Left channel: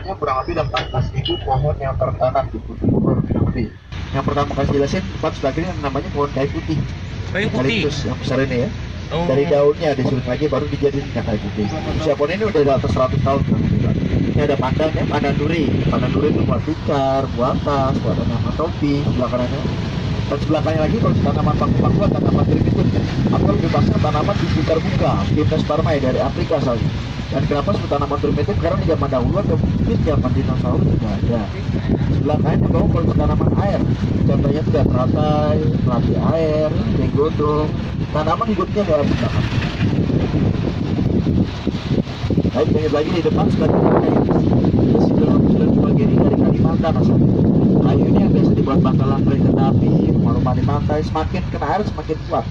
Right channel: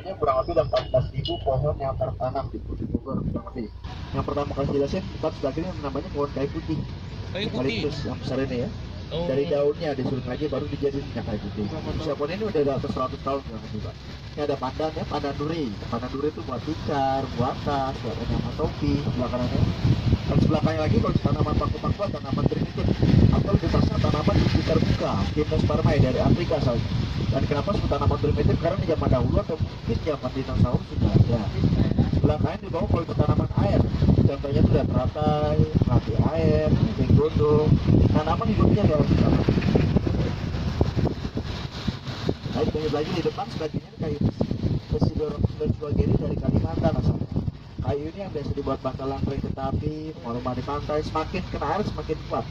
tanamannya kurang lebih ada 14.000 pohon yang tertanam di Putih Bogor kurang lebih. Yang pertama kali jelasin tempat sebelah kiri namanya pohon kayu putih. Kayu putih. Eukaliptus yang besar ini ya. Oh. Dari daunnya disulut lagi baru dijadiin minyak kayu putih. Usia pohon ini udah di atas 100 tahun kurang lebih, Pak. Ini ada pandan ya, pandan duri. Pandan duri itu buat tikar, buat tas, buat tanaman topi sebelah kanannya. Dan sebelah kanan lagi kalau tanaman paku-paku tanaman itu aku lebih pasang tanaman bibit terbuka Gymnospermae dari Afrika asalnya. Dan kenapa sebut tanaman primitif? Karena di zaman dahulu atau mungkin zaman dinosaurus sudah ada. Sebelah kanan juga kalau tanaman air, contohnya itu teratai, melati air, benggodong, tanaman hidupnya luar biasa. Baik, lanjut lagi di depan sekali kayu. Sudah sebagai ini dari Kalimantan asalnya. Kayu ini yang biasa dibuat bantalan kereta api, rumah-rumah di pantai. Semakin kena air semakin kuat.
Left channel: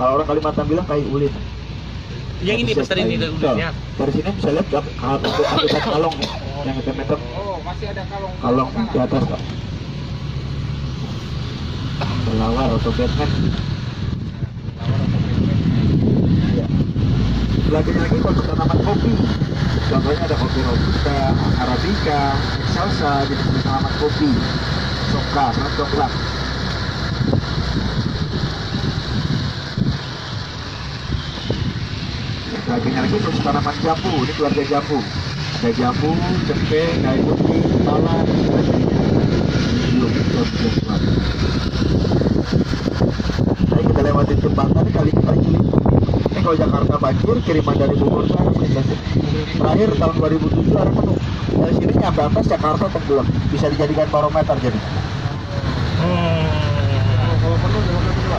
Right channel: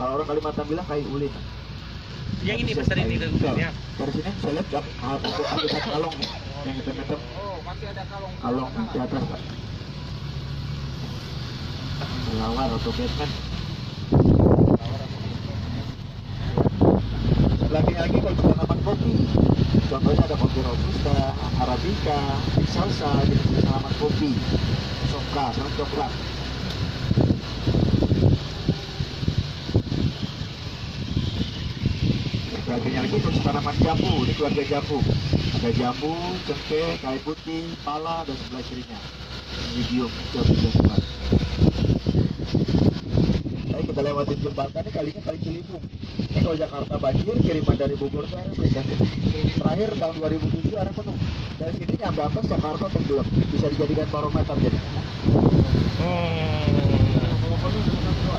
Kalau orang Kalimantan bilang kayu ulin. Yang ini besar ini udah. Dari sini bisa lihat ada kalong yang hitam-hitam. Oh, masih ada kalong. Kalong di atas, Pak. Kelawar atau Batman. Lagi-lagi kalau kita tanaman kopi, contohnya ada kopi robusta, arabica, salsa, jenis tanaman kopi, soka, sama coklat. Lagi kalau tanaman jambu, ini keluarga jambu. Ada jambu, cempeng, kayu putih, pala, dan sebagainya. Medium, jambu. Baik, kita lewatin jembatan kali ini paling cilik. Ini kalau Jakarta banjir, kiriman dari Bogor itu harus terakhir tahun 2007 ada penuh. Dari sini nyampe atas Jakarta tenggelam, bisa dijadikan barometer jadi. Kalau penuh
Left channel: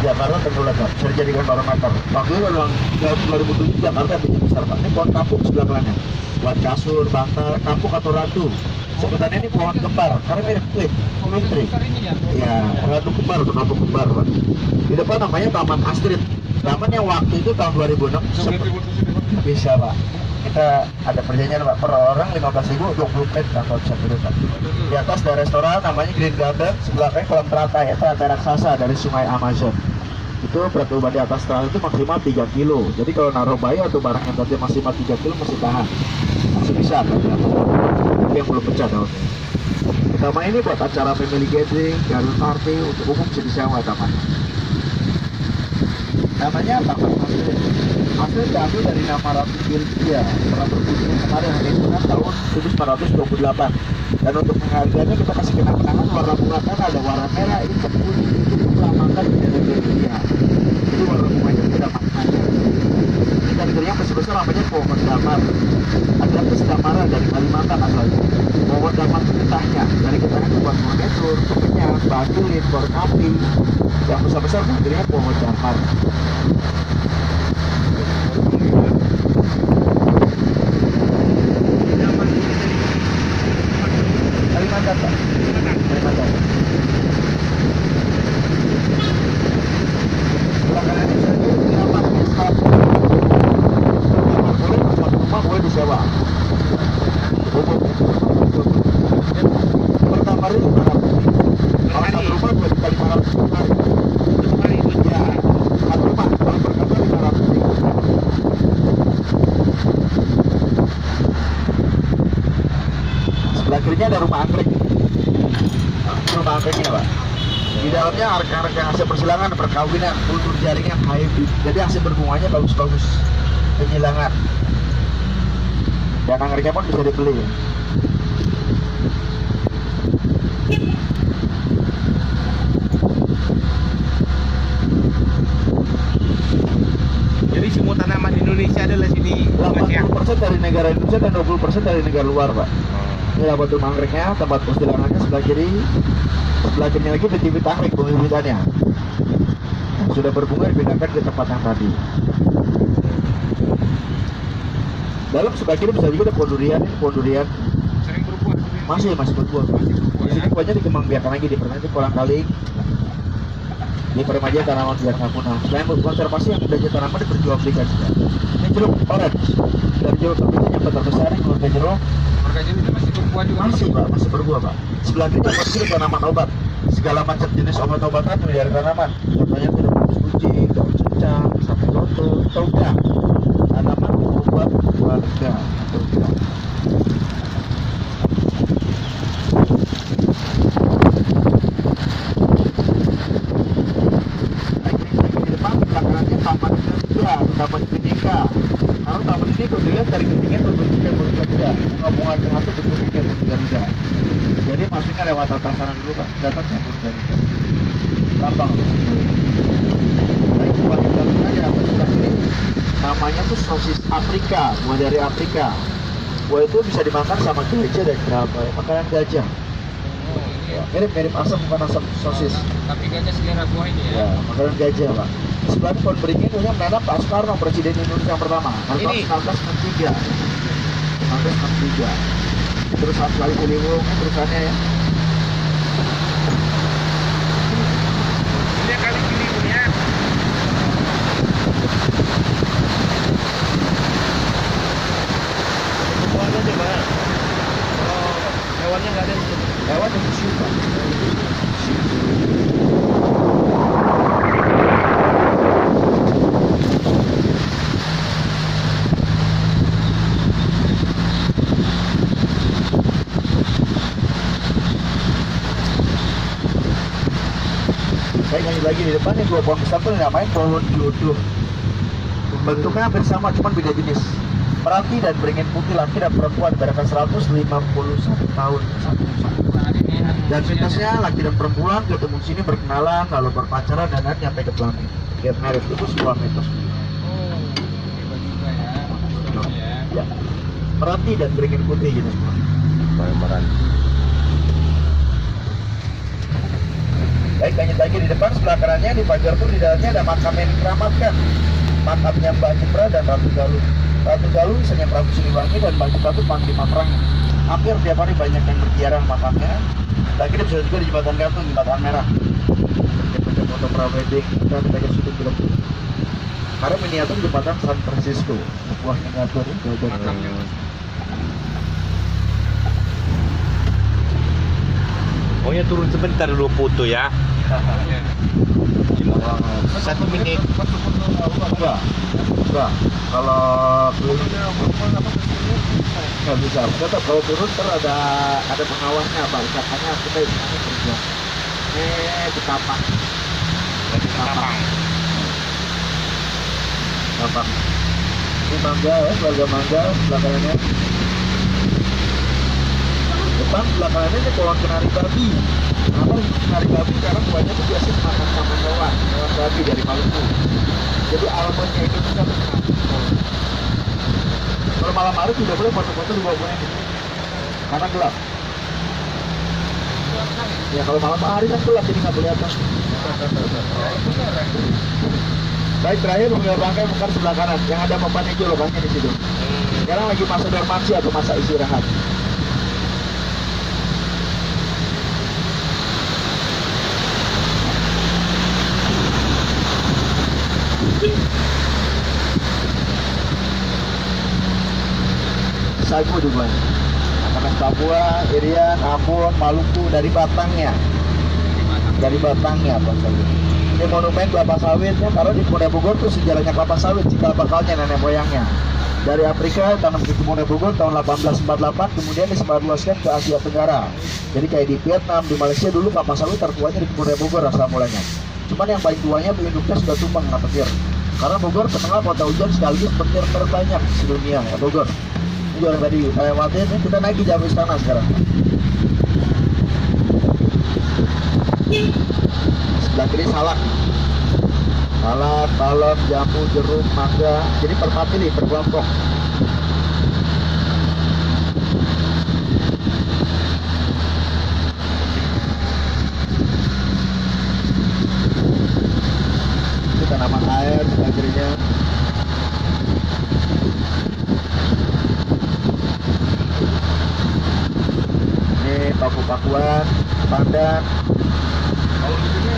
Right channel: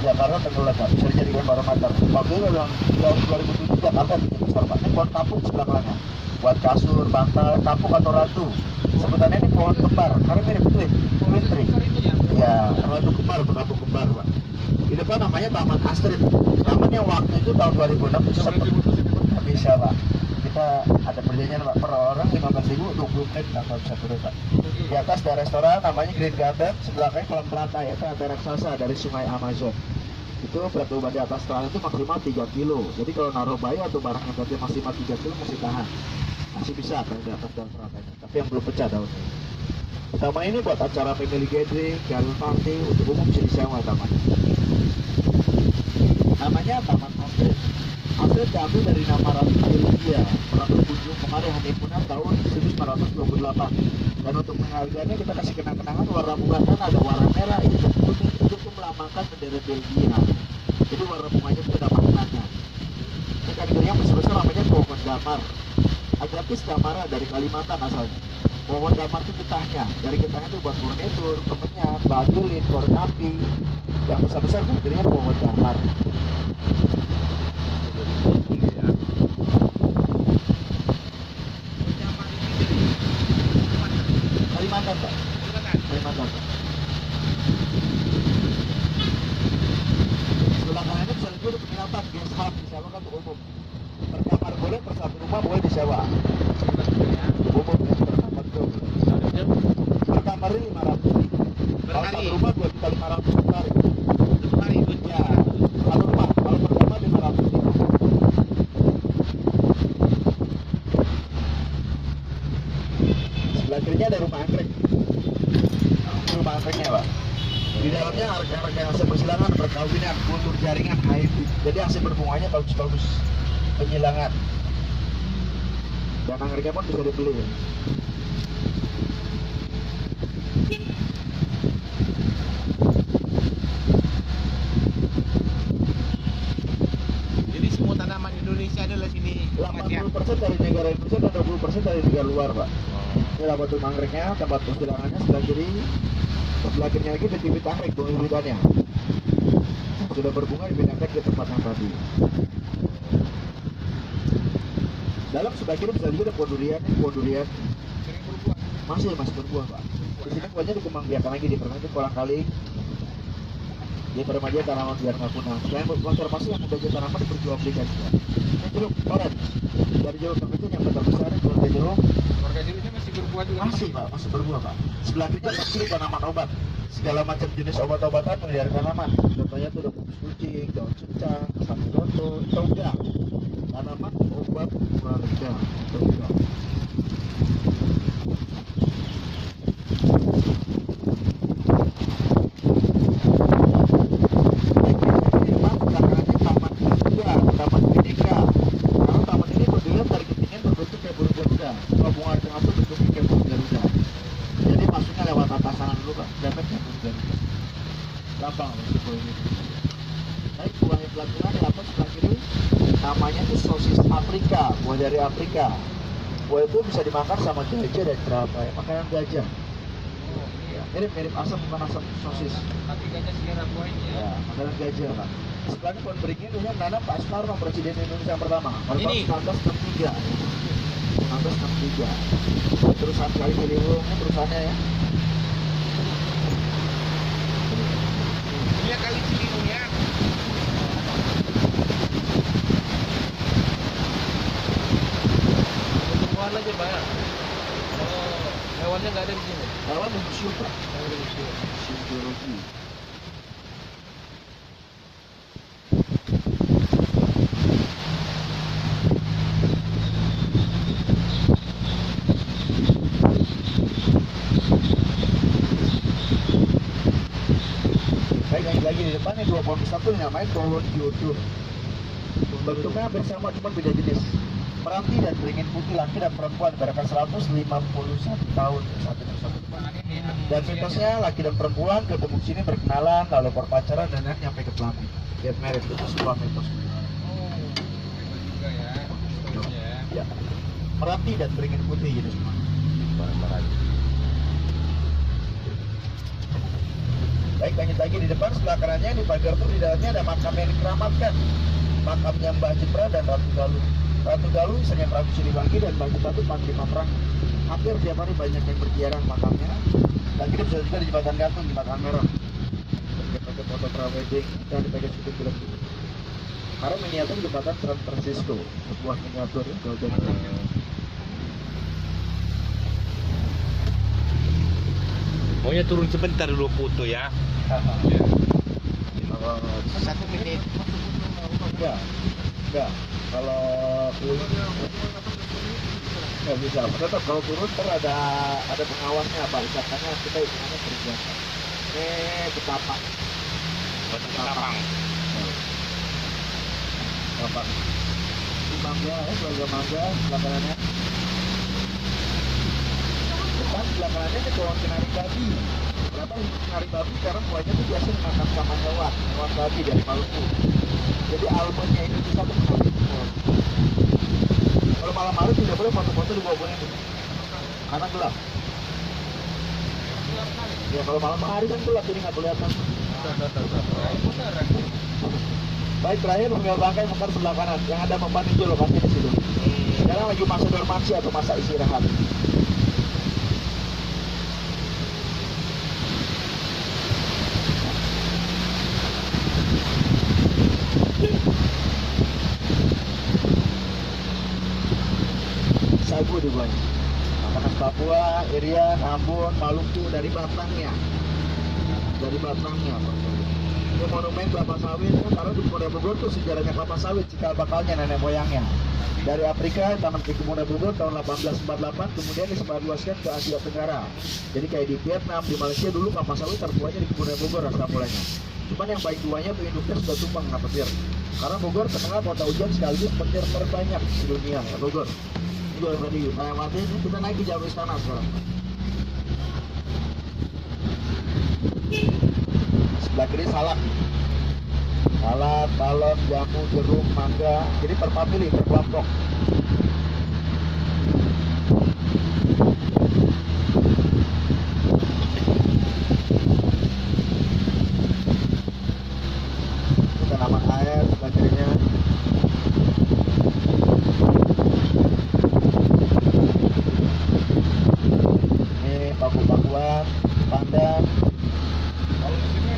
Jakarta tenggelam, Pak. Bisa dijadikan barometer. Waktu itu tahun 2007 Jakarta bikin besar, Pak. Ini pohon kapuk sebelah kanannya. Buat kasur, bantal, kapuk atau ratu. Sebenarnya ini pohon kembar, karena mirip kulit, putri. Ya, ratu kembar atau kapuk kembar, Pak. Di depan namanya Taman Astrid. Taman yang waktu itu tahun 2006 bisa, Pak. Kita ada perjanjian, Pak, per orang 15.000 20 menit kalau bisa duduk, Pak. Di atas ada restoran namanya Green Garden, sebelah kanan kolam teratai, itu teratai raksasa dari sungai Amazon. Itu berat bobot di atas teratai itu maksimal 3 kilo. Jadi kalau naruh bayi atau barang yang tadi maksimal 3 kilo masih tahan, masih bisa kan di atas. Tapi yang belum pecah daunnya. Taman ini buat acara family gathering, garden party, untuk umum bisa disewa taman. Namanya Taman Astrid. Astrid diambil dari nama Ratu Belgia, pernah berkunjung kemarin hari Jumat tahun 1928. Dan untuk penghargaannya kita kasih kenang-kenangan warna bunga kan ada warna merah, hitam, putih, itu melambangkan bendera Belgia. Jadi warna bunganya tidak maknanya. Ini kategorinya besar-besar namanya pohon damar. Agapis damara dari Kalimantan asalnya. Pohon damar itu getahnya, dari getahnya itu buat furnitur, kemenyan, badulin, korek api. Yang besar-besar kategorinya pohon damar. Kalimantan, Pak. Kalimantan. Belakangan ini saya dulu dapat staf. Kamar boleh, satu rumah boleh disewa. Pertama hari 500. Kalau satu rumah 2 kali 500 per hari. Ya, satu rumah. Kalau per kamar 500 nih. Sebelah kirinya ada rumah anggrek. Rumah anggreknya, Pak. Di dalamnya arka-arka hasil persilangan, perkawinan, kultur jaringan, hybrid. Jadi hasil berbunganya bagus-bagus. Penyilangan. Dan anggreknya pun bisa dibeli. Jadi semua tanaman Indonesia adalah sini, Mas ya. 80% dari negara Indonesia dan 20% dari negara luar, Pak. Ini lah batu anggreknya, tempat persilangannya sebelah kiri. Sebelah kirinya lagi bibit anggrek, bibit-bibitannya. Sudah berbunga dipindahkan ke tempat yang tadi. Dalam sebelah kiri bisa juga ada pohon durian, sering berbuah. masih berbuah. Di sini buahnya dikembangbiakan lagi di pertanian kolang kaling. Di remaja tanaman biar nggak punah. Selain konservasi yang udah jadi tanaman diperjualbelikan juga. Ini jeruk orange. Dari jeruk terbitnya yang terbesar ini keluarga jeruk. Warga jenisnya masih berbuah juga. Masih, Pak, masih berbuah, Pak. Sebelah kiri masih tanaman obat. Segala macam jenis obat-obatan dari tanaman. Contohnya itu kukus kucing, daun cincang, sapi loto, toga. Tanaman obat warga. sebelah tengah tuh bentuknya burung Garuda. Jadi masuknya lewat atas kanan dulu Pak, datangnya burung Garuda. Gampang untuk situ. Baik, buah yang dalamnya dapat sebelah kiri. Namanya tuh sosis Afrika, buah dari Afrika. Buah itu bisa dimakan sama gajah dan kerapa, ya. Makanan gajah. Oh, ini Ya, mirip asam, bukan asam sosis. tapi gajah selera buah ini ya. Ya, makanan gajah Pak. Di sebelah pohon beringin dulunya menanam Pak Soekarno, Presiden Indonesia yang pertama. Tahun Ini. 1963. 1963. Terus satu kali Ciliwung perusahaannya ya. Ini kali Ciliwung ya. Hewannya aja Pak. Kalau hewannya nggak ada di situ. Hewan yang museum Pak. Baik, lanjut lagi di depan nih, dua pohon besar tuh namanya pohon jodoh. Bentuknya hampir sama, cuma beda jenis. Meranti dan beringin putih, laki dan perempuan, beratkan 151 tahun satu. Dan mitosnya laki dan perempuan ketemu sini berkenalan, lalu berpacaran dan nanti sampai ke pelangi. Get married itu sebuah mitos. Oh, hebat juga ya. Historinya ya. Ya. Meranti dan beringin putih gitu semua. Baik, lanjut lagi di depan sebelah kanannya di pagar pun di dalamnya ada makam yang dikeramatkan. Makamnya Mbah Jepra dan Ratu Galuh. Ratu Galuh misalnya Prabu Siliwangi dan Mbah Jepra itu panglima perang. Hampir tiap hari banyak yang berziarah makamnya. Lagi bisa juga di jembatan gantung, jembatan merah. Kita foto prawedding, kita syuting film. Karena miniatur jembatan San Francisco, sebuah miniatur yang jauh. Pokoknya turun sebentar dulu foto ya. Iya. 1 menit. Enggak. Kalau turun nggak bisa. Tetap kalau turun ter ada pengawasnya Pak. Katanya kita hitungannya berjuang. Betapa. Kapang. Betapa. Ini mangga ya, keluarga mangga belakangnya. Depan belakangnya ini pohon kenari babi. Kenapa kenari babi? Karena buahnya itu biasa dimakan sama hewan babi dari Maluku. Jadi almonnya Indonesia itu kenari. Kalau malam hari tidak boleh foto-foto di bawah ini, karena gelap. Ya kalau malam hari kan gelap jadi nggak kelihatan. Baik, terakhir mengenai bangkai bukan sebelah kanan, yang ada papan hijau lokasi di situ. Sekarang lagi masa dormansi atau masa istirahat. Sagu juga. Anak Papua, Irian, Ambon, Maluku dari batangnya. Dari batangnya Pak Sagu. Ini monumen kelapa sawitnya, karena di Pemuda Bogor itu sejarahnya kelapa sawit, cikal bakalnya nenek moyangnya. Dari Afrika tanam di Pemuda Bogor tahun 1848, kemudian disebarluaskan ke Asia Tenggara. Jadi kayak di Vietnam, di Malaysia dulu kelapa sawit tertuanya di Pemuda Bogor asal mulanya. Cuman yang paling tuanya Bu induknya sudah tumbang nggak petir. Karena Bogor terkenal kota hujan sekaligus petir terbanyak di dunia ya Bogor. Ini juga tadi waktu ini kita naik di Jawa Istana sekarang. Sebelah kiri salak, balon, jambu, jeruk, mangga. Jadi per family, per kelompok. Itu tanaman air sebelah kirinya. Ini paku-pakuan, pandan. Kalau di sini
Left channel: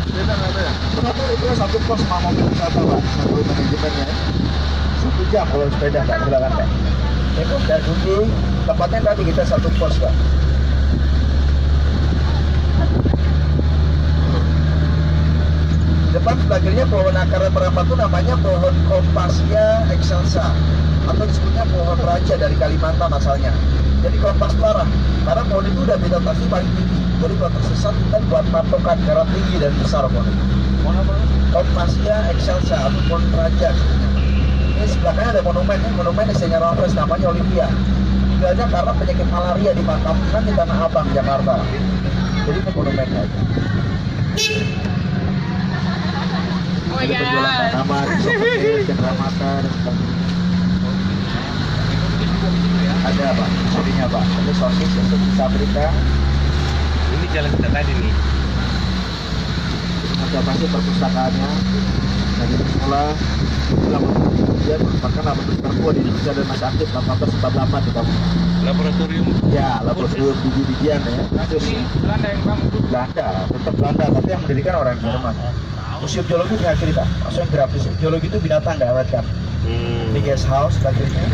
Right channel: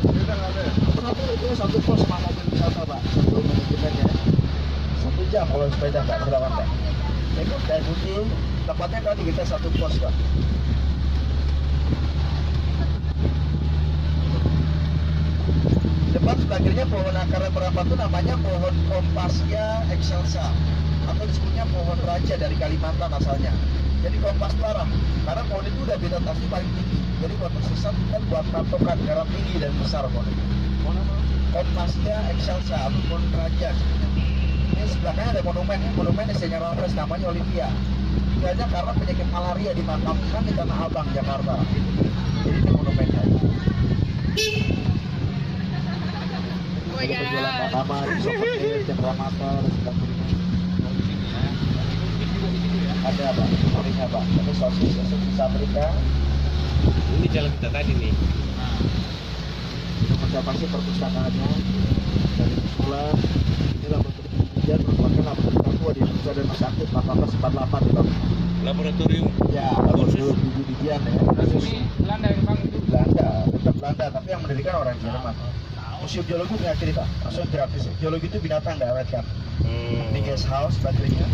sepeda nggak ada ya? Satu itu satu pos sama mobil wisata Pak, satu manajemennya. 1 jam kalau sepeda Pak, silakan Pak. Itu dan kunci tempatnya tadi kita satu pos Pak. Depan sebelah kirinya pohon akar merapat itu namanya pohon Kompasia excelsa atau disebutnya pohon raja dari Kalimantan asalnya. Jadi kompas parah karena pohon itu udah vegetasi paling tinggi. Jadi kalau tersesat kita buat patokan karena tinggi dan besar pohon itu. Kompasia excelsa atau pohon raja. Ini sebelah kanan ada monumen, monumen desainnya Raffles namanya Olivia. meninggalnya karena penyakit malaria di makamkan di Tanah Abang, Jakarta. Jadi ini monumennya. Jadi penjualan tanaman, soket, cendera mata dan sebagainya. Ada Pak, surinya Pak. Ada sosis, sosis Afrika. Ini jalan kita tadi nih. Ada pasti perpustakaannya dari sekolah. Dia merupakan laboratorium tertua di Indonesia dan masih aktif 1848 di Bangka. Laboratorium. Ya, laboratorium biji-bijian ya. Belanda yang kamu tuh. Belanda, tetap Belanda, tapi yang mendirikan orang Jerman. Museum Geologi punya cerita, maksudnya grafis. Geologi itu binatang nggak awet kan? Ini guest house bagiannya.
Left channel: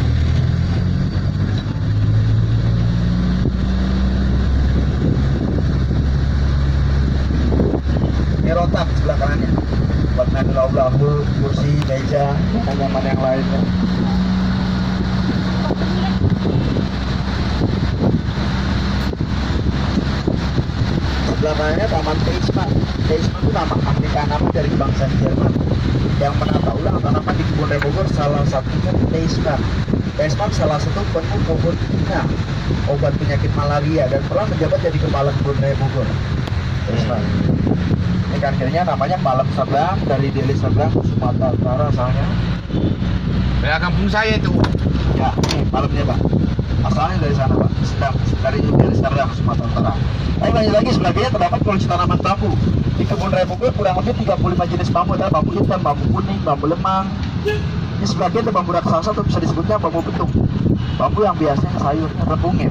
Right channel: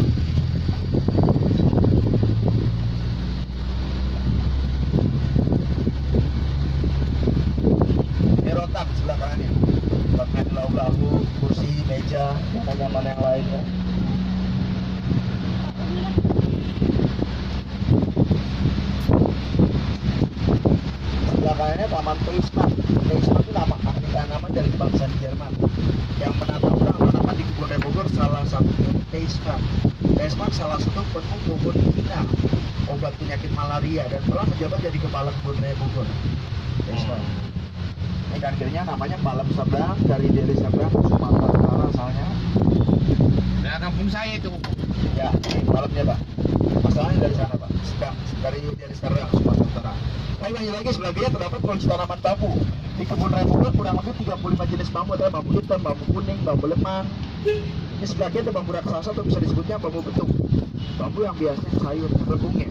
Ini rotak sebelah kanannya. Buat ngadu kursi, meja, nyaman yang lainnya. Sebelah kanannya Taman Teisman. Teisman itu nama nama dari bangsa Jerman. Yang menata ulang tanaman di Kebun Raya Bogor salah satunya Teisman. Teisman salah satu penemu pohon Cina, obat penyakit malaria dan pernah menjabat jadi kepala Kebun Raya Bogor. Teisman. Ini akhirnya namanya Palem Seberang dari Deli Seberang, Sumatera Utara asalnya. Daerah kampung saya itu. Ya, ini palemnya Pak. Asalnya dari sana Pak. Dari Seberang, Sumatera Utara. Tapi lanjut lagi sebelahnya terdapat koleksi tanaman bambu. Di Kebun Raya Bogor kurang lebih 35 jenis bambu, ada bambu hitam, bambu kuning, bambu lemang. Ini sebagian ada bambu raksasa atau bisa disebutnya bambu betung. Bambu yang biasanya sayurnya rebungnya.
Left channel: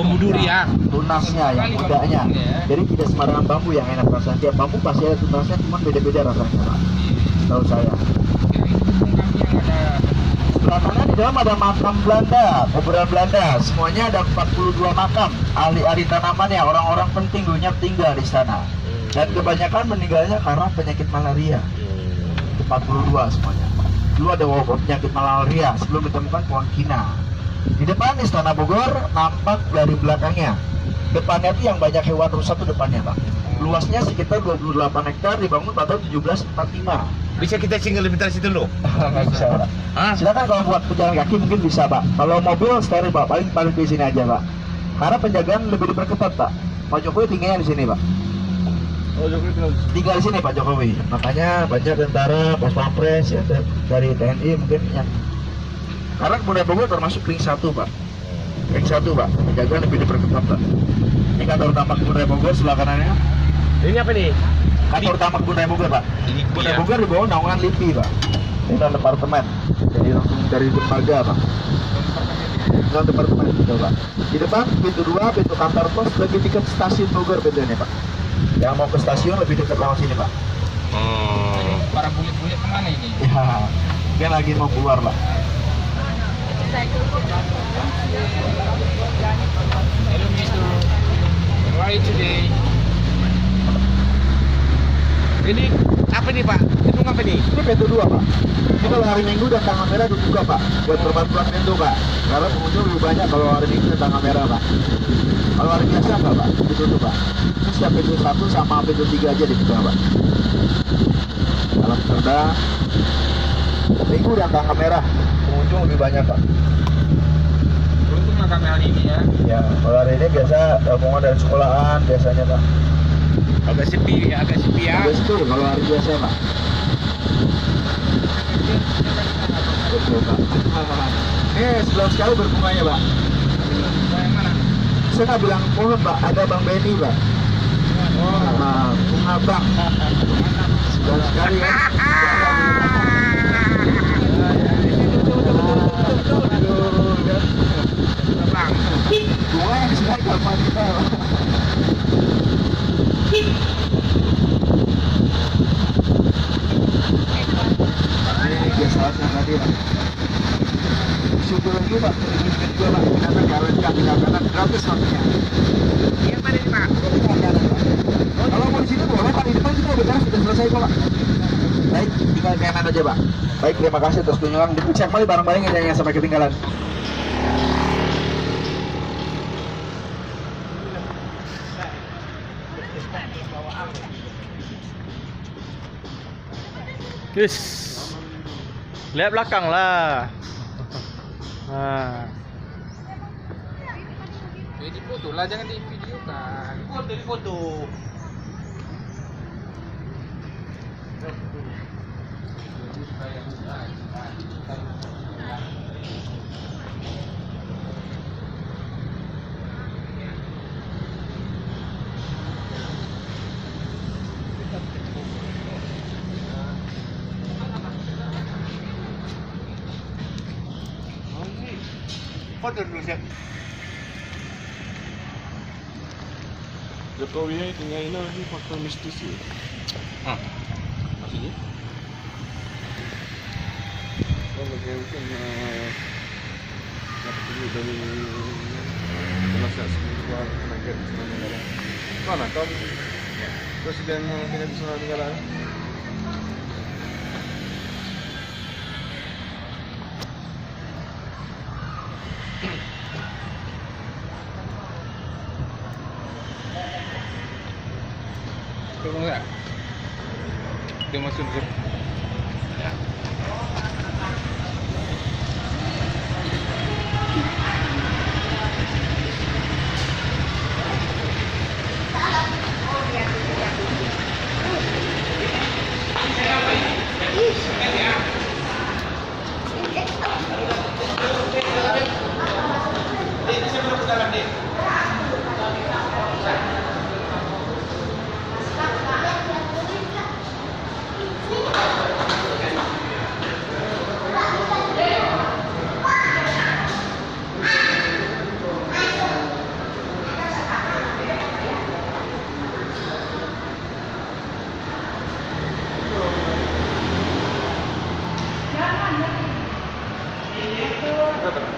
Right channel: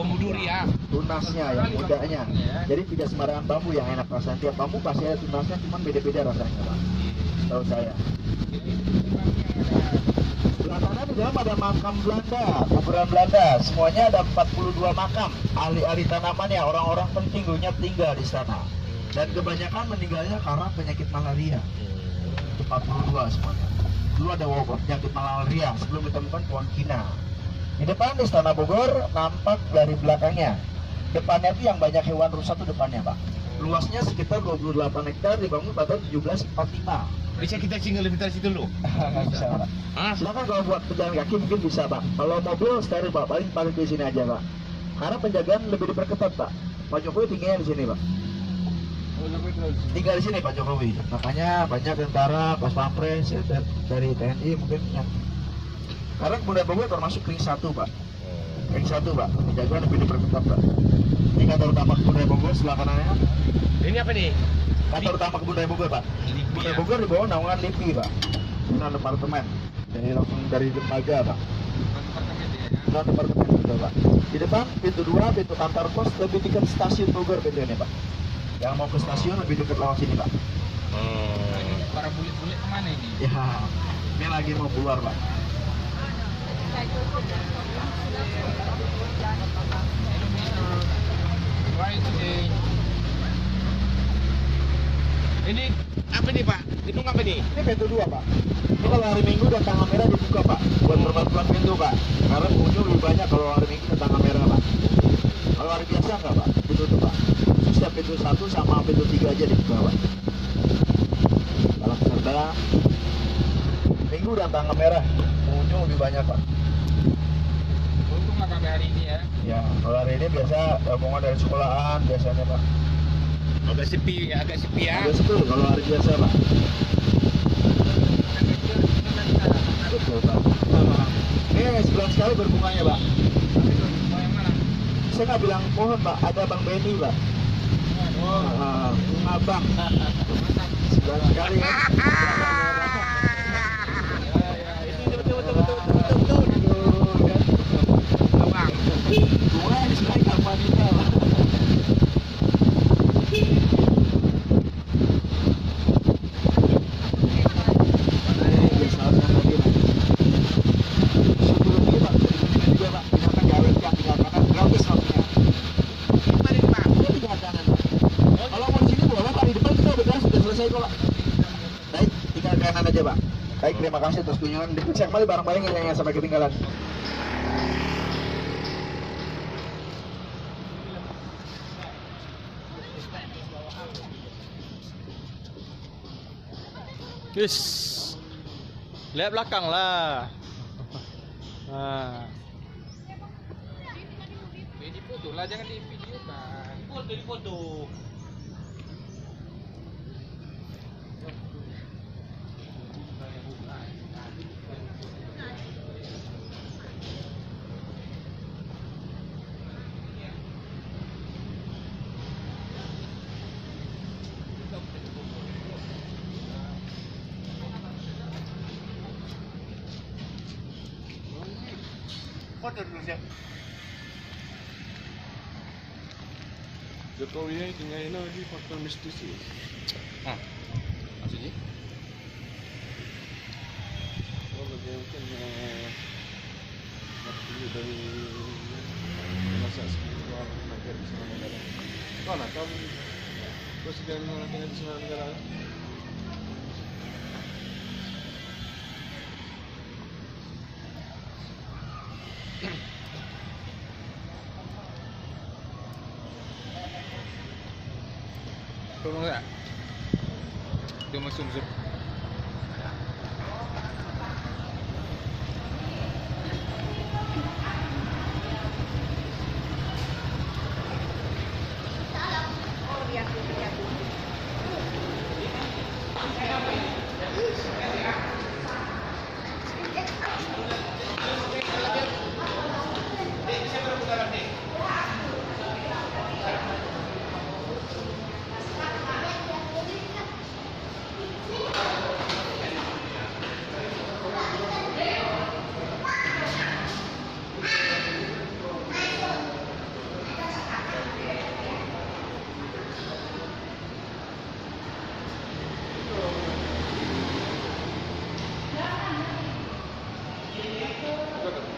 Bambu durian. Tunasnya yang mudanya. Jadi tidak sembarangan bambu yang enak rasanya. Tiap bambu pasti ada tunasnya, cuma beda-beda rasanya Pak. Tahu saya. Sebelah kanan di dalam ada makam Belanda, kuburan Belanda. Semuanya ada 42 makam. Ahli-ahli tanamannya, orang-orang penting dulunya tinggal di sana. Dan kebanyakan meninggalnya karena penyakit malaria. 42 semuanya. Dulu ada wabah penyakit malaria sebelum ditemukan pohon kina. Di depan Istana Bogor nampak dari belakangnya. Depannya itu yang banyak hewan rusa itu depannya Pak. Luasnya sekitar 28 hektar, dibangun pada tahun 1745. Bisa kita single lebih dari situ loh. Nggak bisa Pak. Silakan kalau buat pejalan kaki mungkin bisa Pak. Kalau mobil steril Pak, paling di sini aja Pak. Karena penjagaan lebih diperketat Pak. Pak Jokowi tinggalnya di sini Pak. Tinggal di sini Pak Jokowi. Makanya banyak tentara, pas pampres ya, dari TNI mungkin yang. Karena Kebun Raya Bogor termasuk ring 1 Pak. Ring 1 Pak. Penjagaan lebih diperketat Pak. Ini kantor utama Kebun Raya Bogor sebelah kanannya. Ini apa nih? Kantor utama Kebun Raya Bogor Pak. Kebun Raya Bogor di bawah naungan LIPI Pak. Ini non departemen. Jadi langsung dari dermaga Pak. Non departemen gitu Pak. Di depan pintu 2, pintu kantor pos lebih dekat stasiun Bogor pintunya Pak. Yang mau ke stasiun lebih dekat lewat sini Pak. Para bulit-bulit kemana ini? Ya, dia lagi mau keluar Pak. Hello Mister, how are you today? Ini apa nih Pak? Gedung apa nih? Ini pintu 2 Pak. Ini kalau hari Minggu dan tanggal merah dibuka Pak. Buat perbatasan pintu Pak. Karena pengunjung lebih banyak kalau hari Minggu dan tanggal merah Pak. Kalau hari biasa enggak Pak, ditutup Pak. Setiap pintu 1 sama pintu 3 aja dibuka Pak. Dalam serda Minggu dan tanggal merah pengunjung lebih banyak Pak. Untunglah kami hari ini ya. Ya, kalau hari ini biasa rombongan dari sekolahan biasanya Pak. Agak sepi ya. Biasa itu kalau hari biasa Pak. Betul Pak. Sebulan sekali berbunganya Pak. Yang mana? Saya nggak bilang pohon Pak, ada Bang Benny Pak. Bunga Bang. Sebulan sekali kan. Bang. Bunga yang disini sama kita Pak. Ini guest house-nya tadi Pak. Syukur lagi Pak, ini juga Pak, binatang gawet kan, binatang gratis maksudnya. Yang mana nih Pak? Jadi makanan Pak. Kalau mau di sini boleh Pak, di depan kita udah selesai kok Pak. Baik, tinggal kanan aja Pak. Baik, terima kasih atas kunjungan. Dicek kembali barang-barang yang sampai ketinggalan. Yes. Lihat belakang lah. Nah. Ya di foto lah, jangan di video kan. Di foto. Foto dulu siap. Jokowinya itunya ini lagi faktor mistis ya. Maksudnya? Kalau kayak kan dapat ini dari penasihat spiritual tenaga di sana negara. Mana kau? Presiden tenaga di sana negara. Tolong ya. Dia masuk zoom.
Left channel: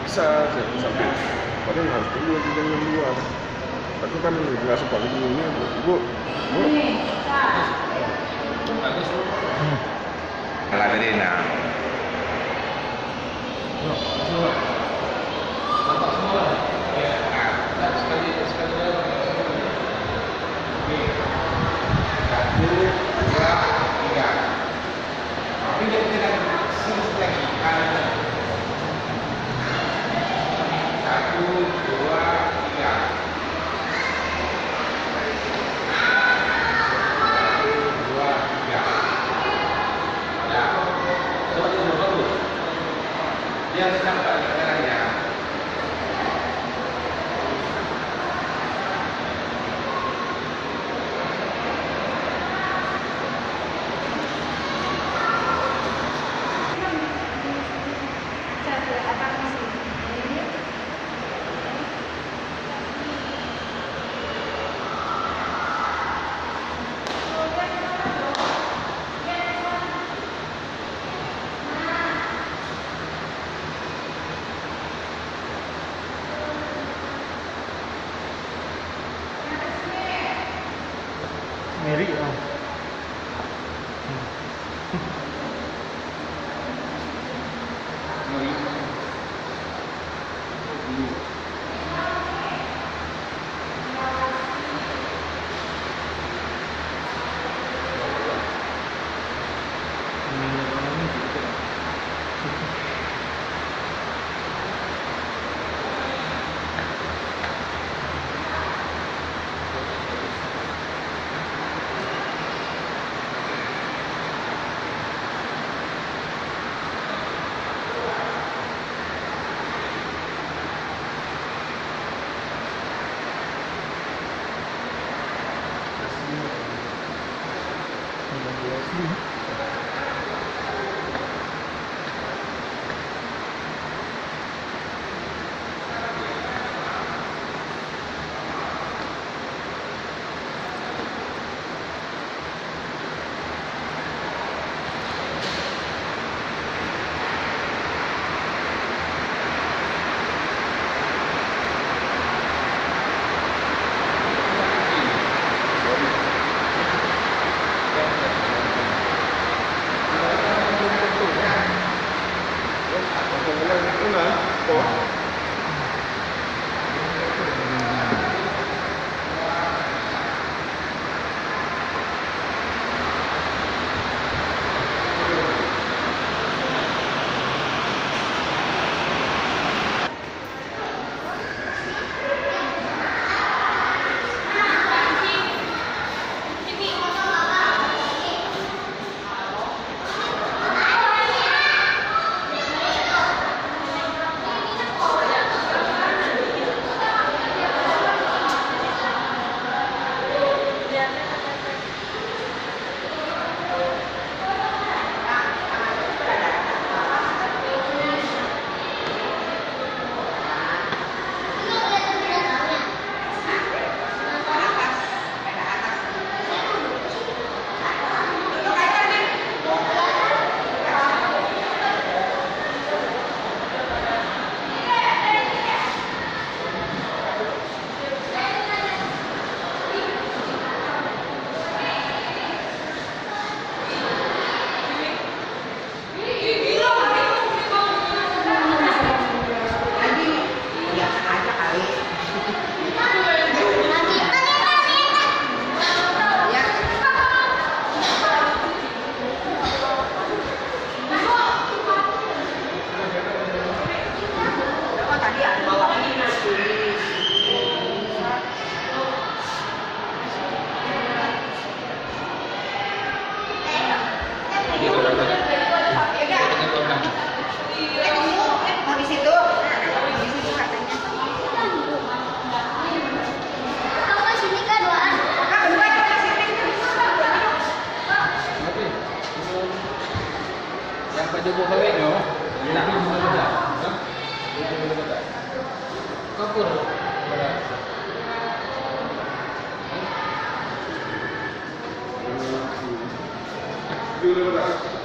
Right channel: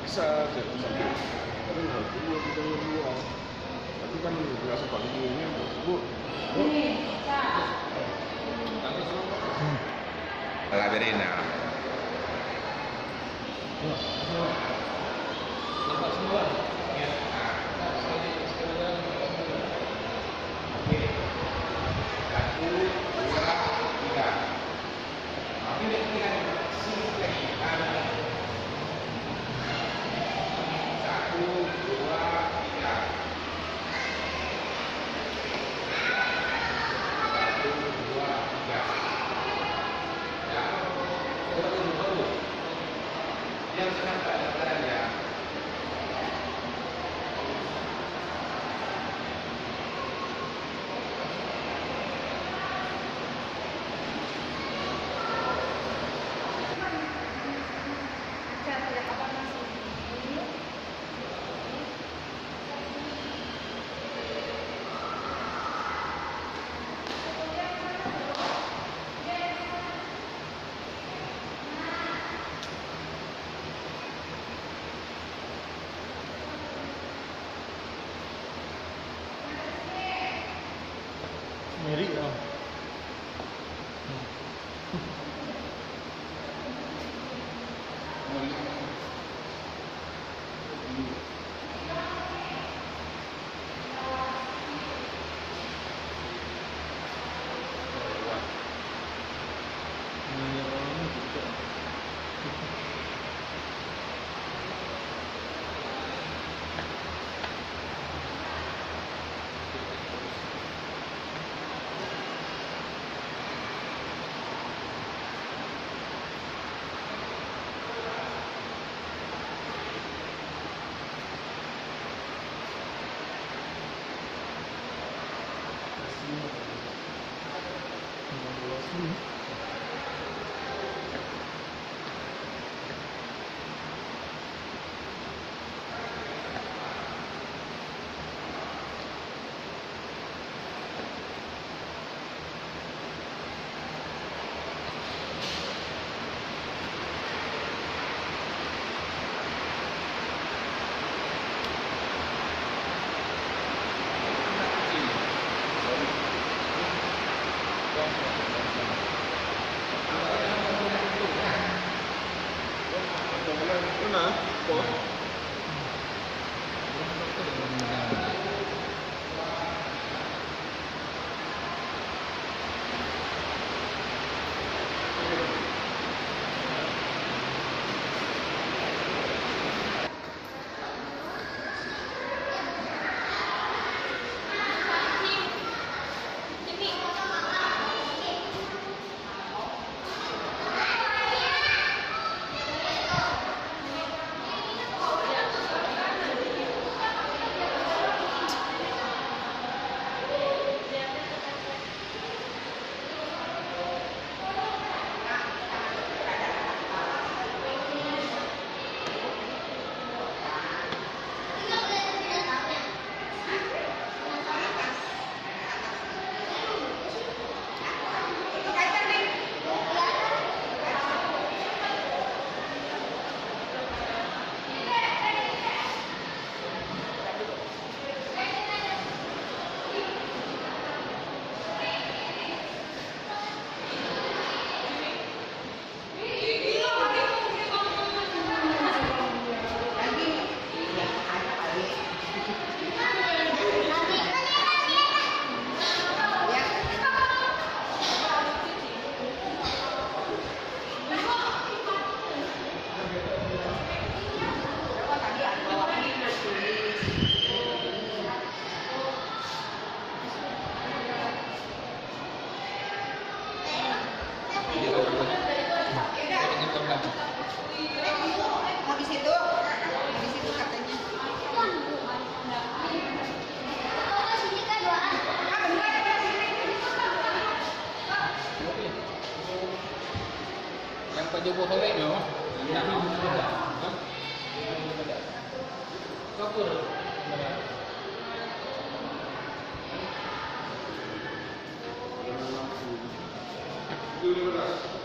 Bisa sampai padahal harus tunggu jam 2. Tapi kan nggak sempat dulunya bu. La Verena. Nampak semua. Ya. Sekali. Satu, dua, tiga. Tapi dia tidak sini lagi. Satu, dua, tiga. Satu, dua, tiga. Ya. Bagus. Dia sedang tak ada caranya. Ngeri ya. Studio 15.